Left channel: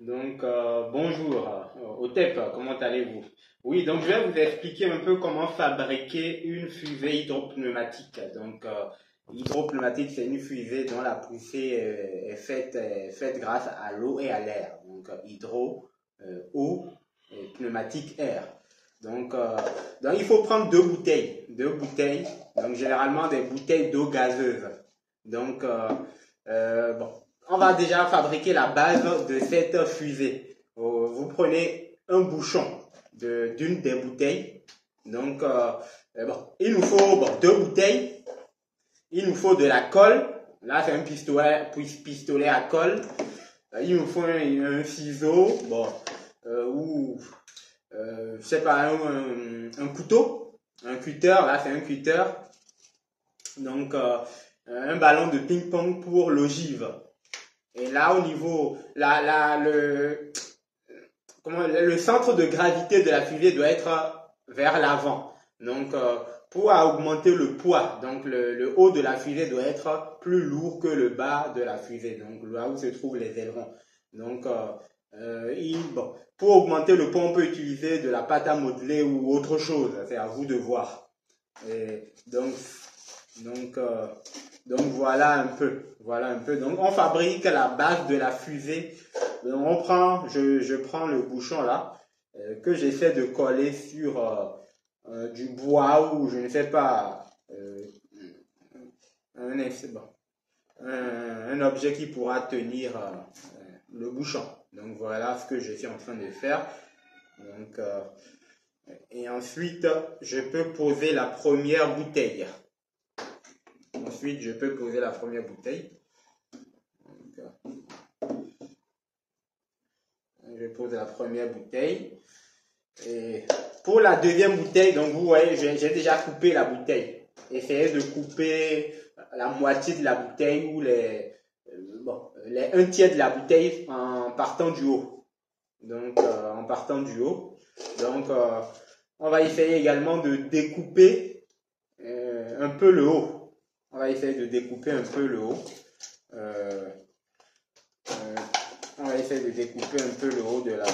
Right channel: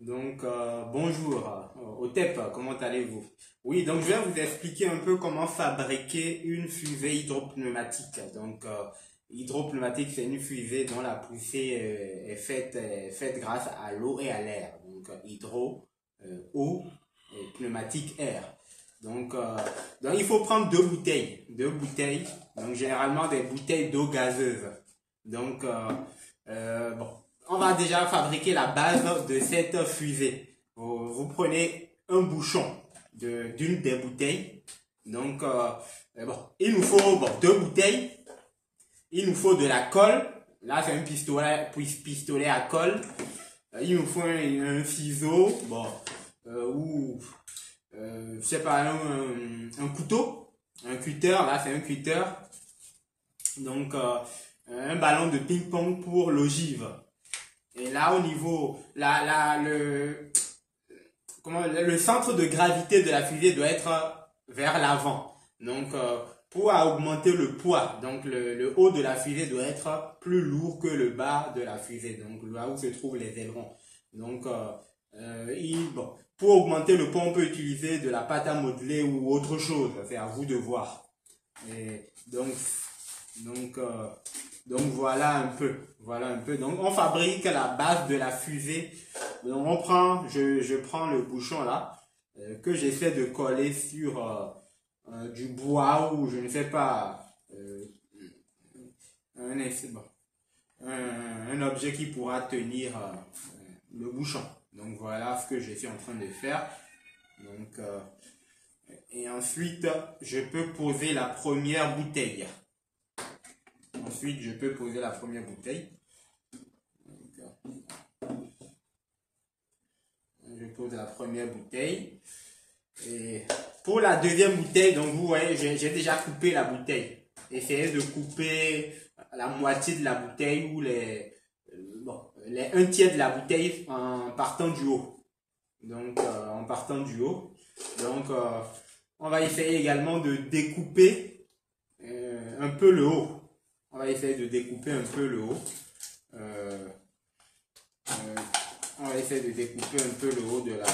Donc, bonjour, OTEP, comment allez-vous? Oui, donc je vais vous expliquer un peu comment fabriquer une fusée hydropneumatique. Donc, hydropneumatique, c'est une fusée dont la poussée est faite grâce à l'eau et à l'air. Donc, eau, et pneumatique, air. Donc, il faut prendre deux bouteilles, donc généralement des bouteilles d'eau gazeuse. Donc, bon, on va déjà fabriquer la base de cette fusée. Vous prenez un bouchon d'une des bouteilles. Donc, bon, il nous faut deux bouteilles. Il nous faut de la colle. Là, c'est un pistolet à colle. Il nous faut un ciseau, bon, ou, je sais pas, un couteau, un cutter. Là, c'est un cutter. Donc, un ballon de ping-pong pour l'ogive. Et là, au niveau, le centre de gravité de la fusée doit être vers l'avant. Donc, pour augmenter le poids, donc le haut de la fusée doit être plus lourd que le bas de la fusée, donc là où se trouvent les ailerons. Donc, bon, pour augmenter le poids, on peut utiliser de la pâte à modeler ou autre chose. C'est à vous de voir. Et donc, euh, donc voilà un peu. Voilà un peu. Donc on fabrique la base de la fusée. Donc je prends le bouchon là que j'essaie de coller sur du bois ou je ne sais pas bon, un objet qui pourra tenir le bouchon. Donc voilà ce que je suis en train de faire. Donc et ensuite je peux poser la première bouteille. Ensuite je peux poser la première bouteille. Je pose la première bouteille. Et pour la deuxième bouteille, donc vous voyez, j'ai déjà coupé la bouteille. Essayez de couper la moitié de la bouteille ou un tiers de la bouteille en partant du haut. Donc, en partant du haut. Donc, on va essayer également de découper un peu le haut. On va essayer de découper un peu le haut. Euh, euh, on va essayer de découper un peu le haut de la...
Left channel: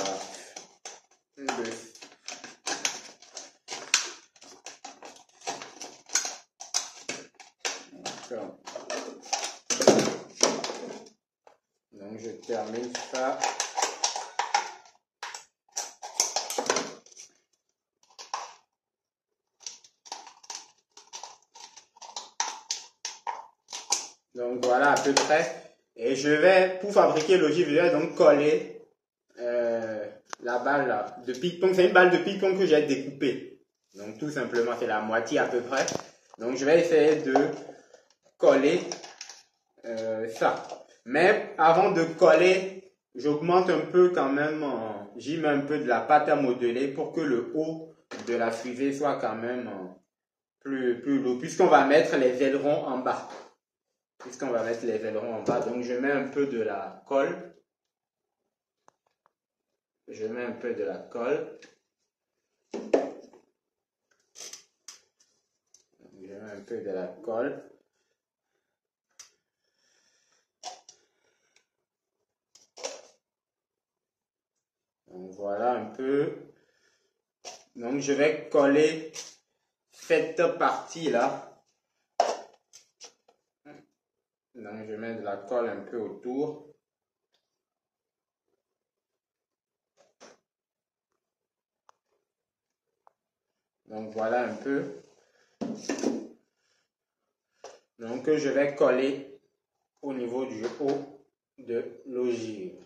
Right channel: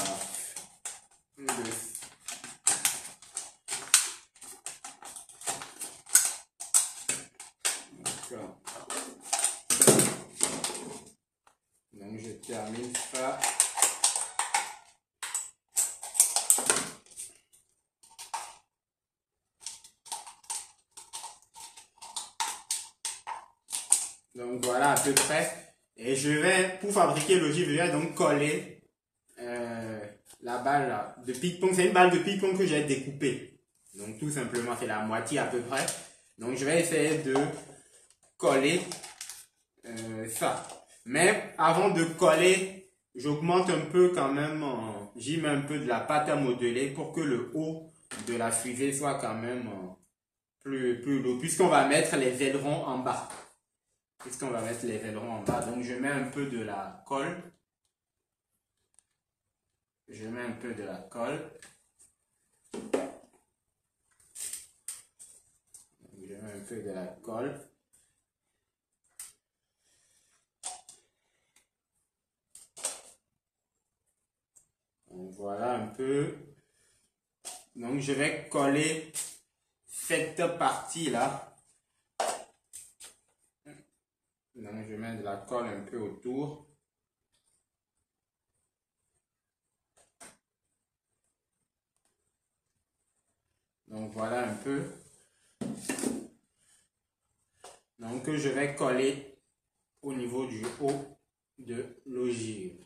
Donc je termine ça. Donc voilà à peu près. Et je vais, pour fabriquer l'ogive, je vais donc coller la balle là, de ping-pong. C'est une balle de ping-pong que j'ai découpée. Donc tout simplement, c'est la moitié à peu près. Donc je vais essayer de coller ça. Mais avant de coller, j'augmente un peu quand même, j'y mets un peu de la pâte à modeler pour que le haut de la fusée soit quand même plus lourd. Puisqu'on va mettre les ailerons en bas. Puisqu'on va mettre les ailerons en bas. Donc je mets un peu de la colle. Je mets un peu de la colle. Je mets un peu de la colle. Donc voilà un peu. Donc je vais coller cette partie-là. Donc je mets de la colle un peu autour. Donc voilà un peu. Donc je vais coller au niveau du haut de l'ogive.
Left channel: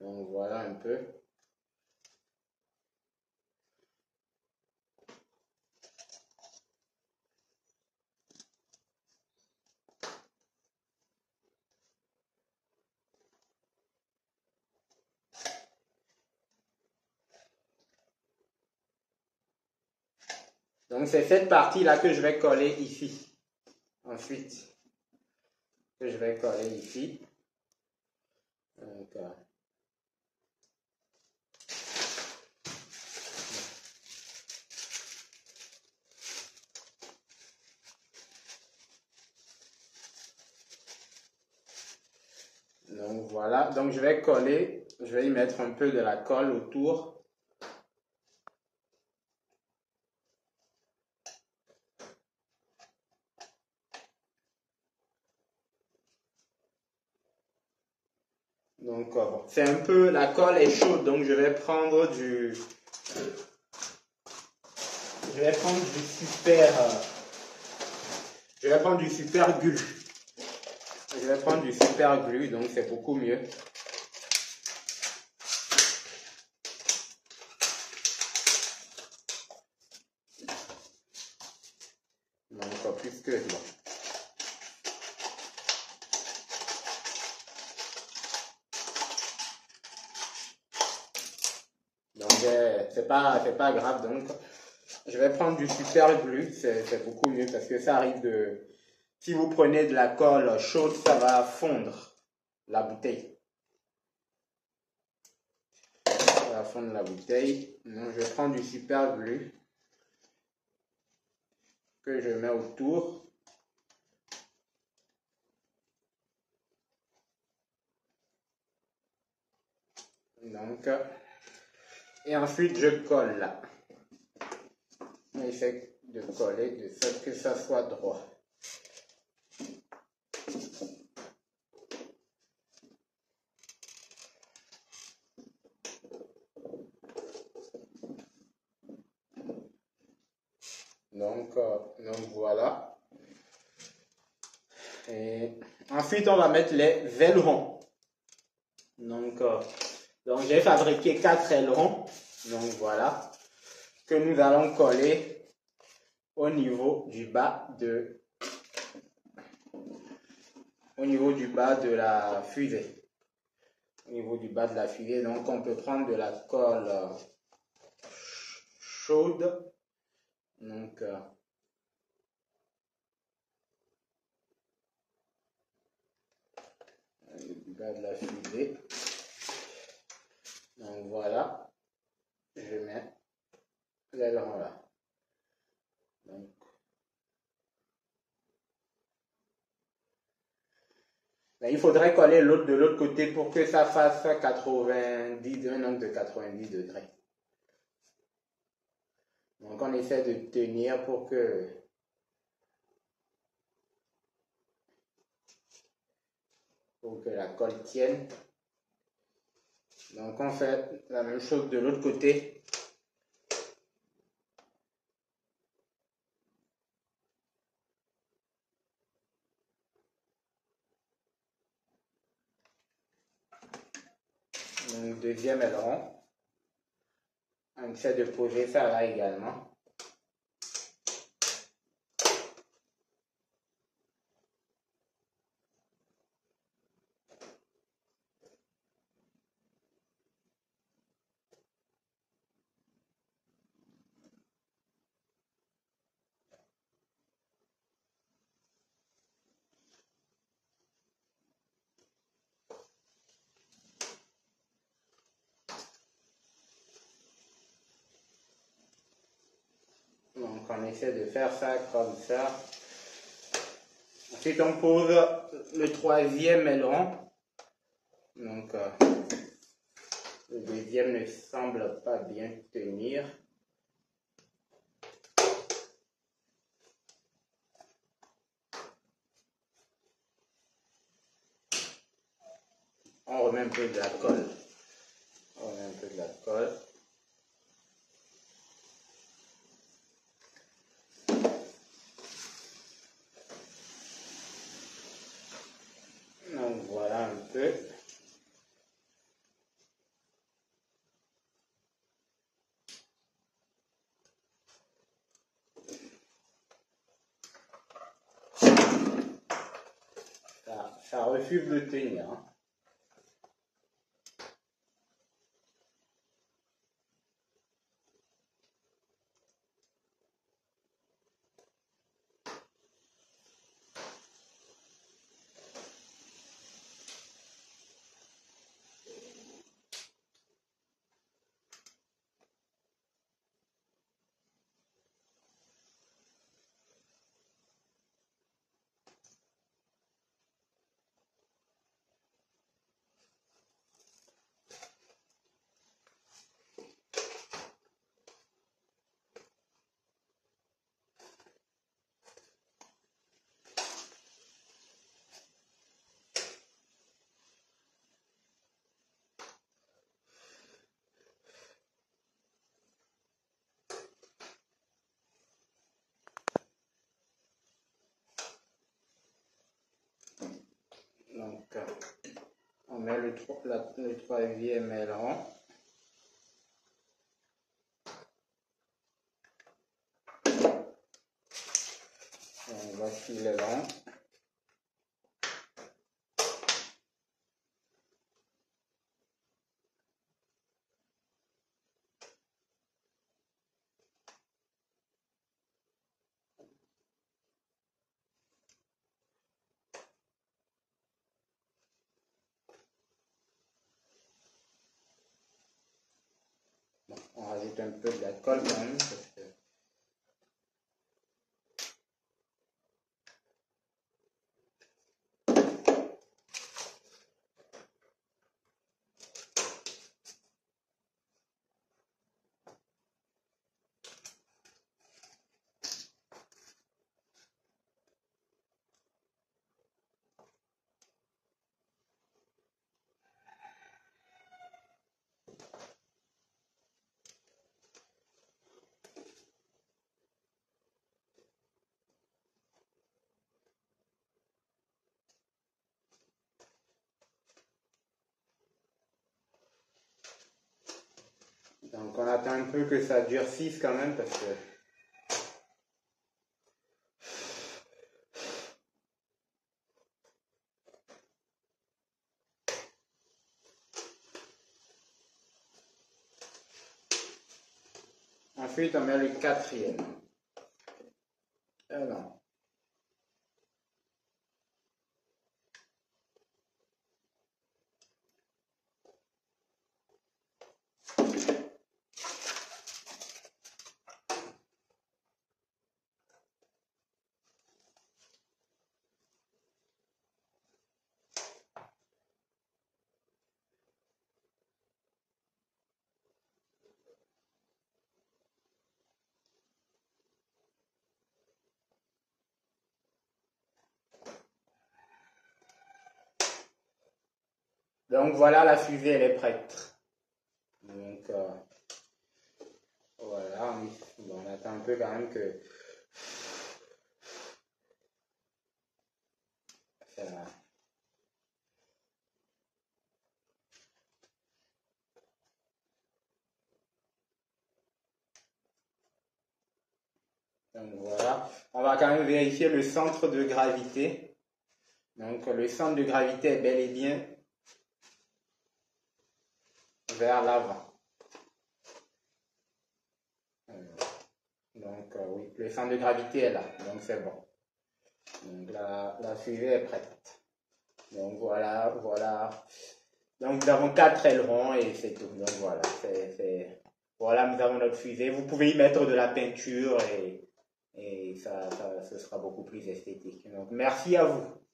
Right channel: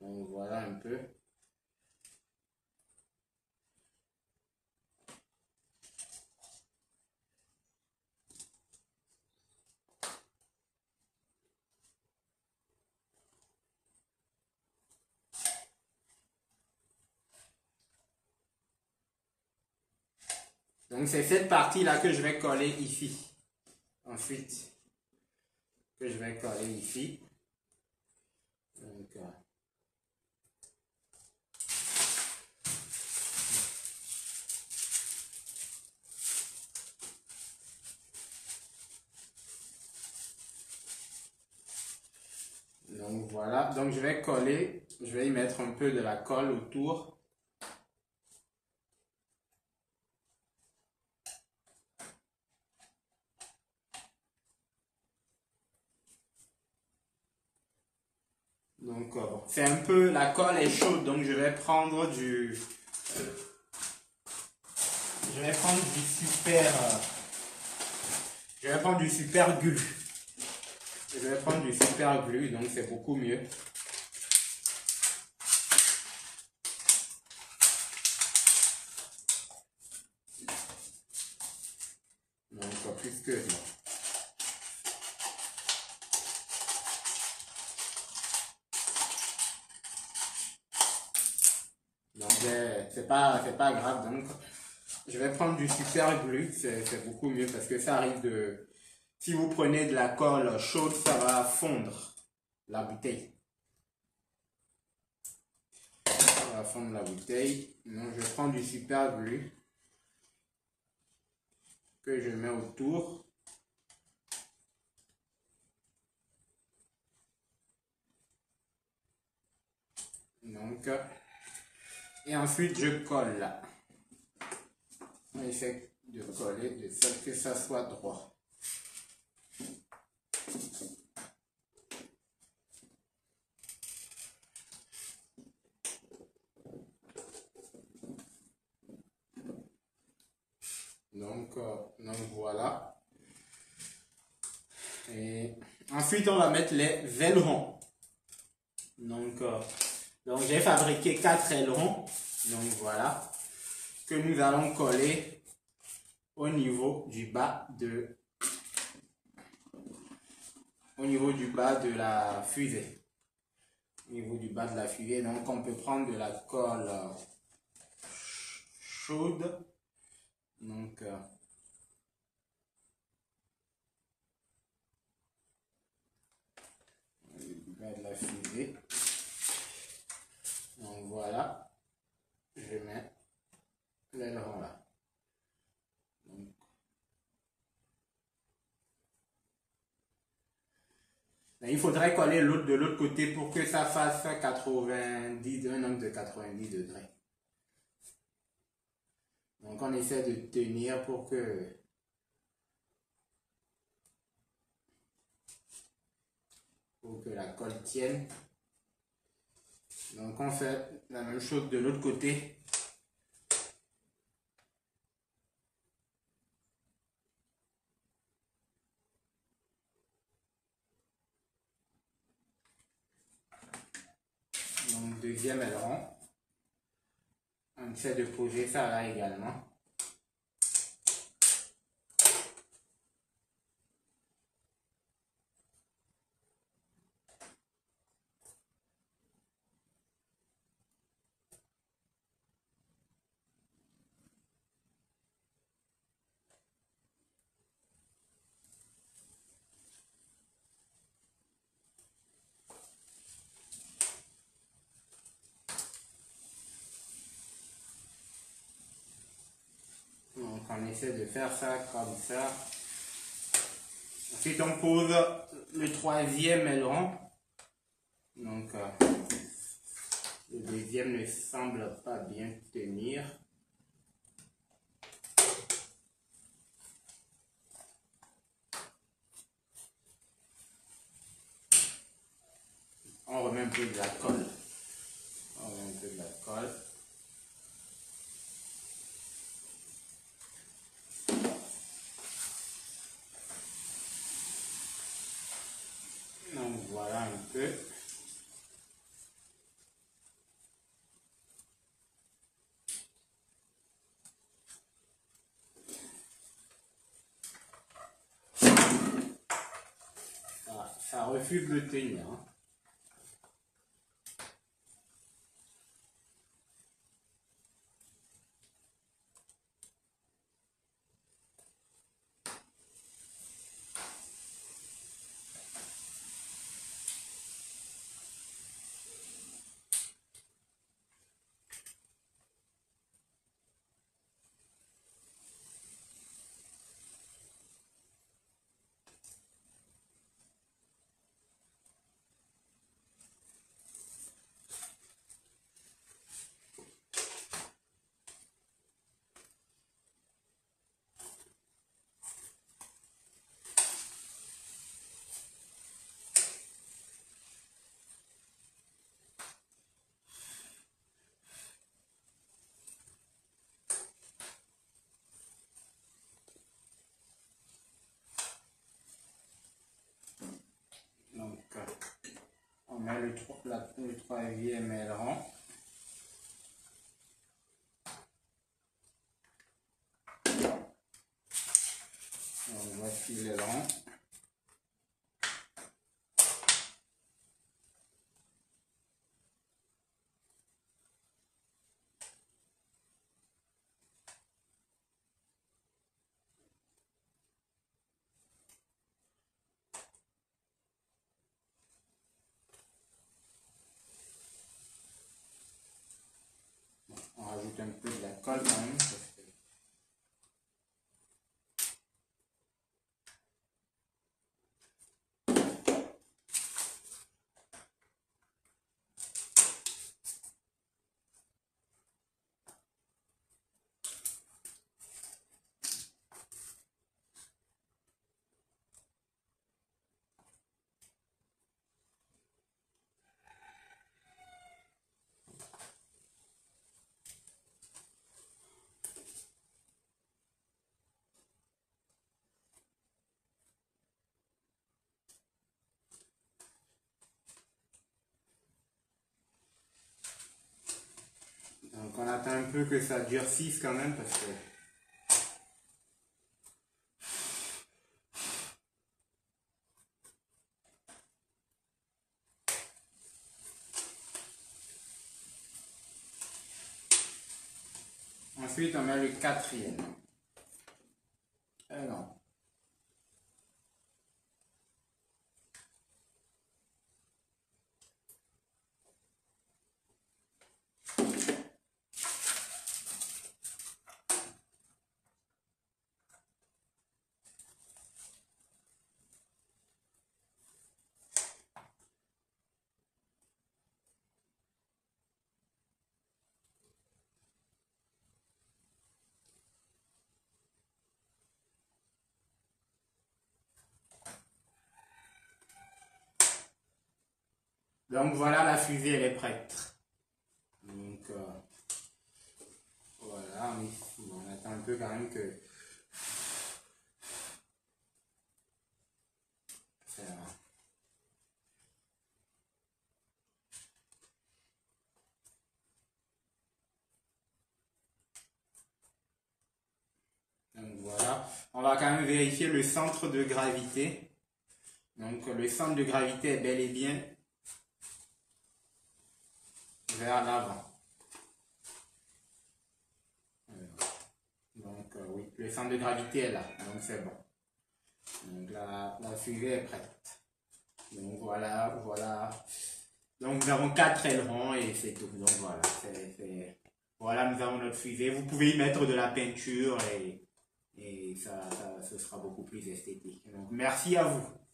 Donc voilà un peu. Donc c'est cette partie-là que je vais coller ici. Ensuite, que je vais coller ici. Donc Voilà, donc je vais coller, je vais y mettre un peu de la colle autour. Donc, c'est un peu, la colle est chaude, donc je vais prendre du super, je vais prendre du super glue. Je vais prendre du super glue, donc c'est beaucoup mieux. Donc, plus que là. Donc, c'est pas grave. Donc, je vais prendre du super glue. C'est beaucoup mieux parce que ça arrive de... Si vous prenez de la colle chaude, ça va fondre la bouteille. Ça va fondre la bouteille. Donc, je prends du super glue que je mets autour. Donc, et ensuite, je colle là. J'essaie de coller de sorte que ça soit droit. Donc voilà. Et ensuite, on va mettre les ailerons. Donc j'ai fabriqué 4 ailerons. Donc voilà. Que nous allons coller au niveau du bas de la fusée. Au niveau du bas de la fusée. Donc on peut prendre de la colle chaude. Donc du bas de la fusée. Donc voilà. Je mets l'aileron là. Donc, mais il faudrait coller l'autre de l'autre côté pour que ça fasse 90, un angle de 90 degrés. Donc on essaie de tenir pour que la colle tienne. Donc on fait la même chose de l'autre côté. Donc deuxième aileron. On essaie de poser ça là également. Donc on essaie de faire ça comme ça. Ensuite on pose le troisième aileron. Donc le deuxième ne semble pas bien tenir. On remet un peu de la colle. On remet un peu de la colle. Donc voilà un peu. Ça refuse de tenir. Hein. On met le troisième aileron. Voici l'aileron. Bon, on rajoute un peu de la colle quand même. Donc on attend un peu que ça durcisse quand même parce que ensuite on met le quatrième. Alors. Donc voilà, la fusée elle est prête. Donc voilà, on attend un peu quand même que ça. Donc voilà, on va quand même vérifier le centre de gravité. Donc le centre de gravité est bel et bien vers l'avant. Donc oui, le centre de gravité est là, donc c'est bon. Donc la fusée est prête. Donc voilà. Donc nous avons 4 ailerons et c'est tout. Donc voilà, voilà, nous avons notre fusée. Vous pouvez y mettre de la peinture et ce sera beaucoup plus esthétique. Donc merci à vous.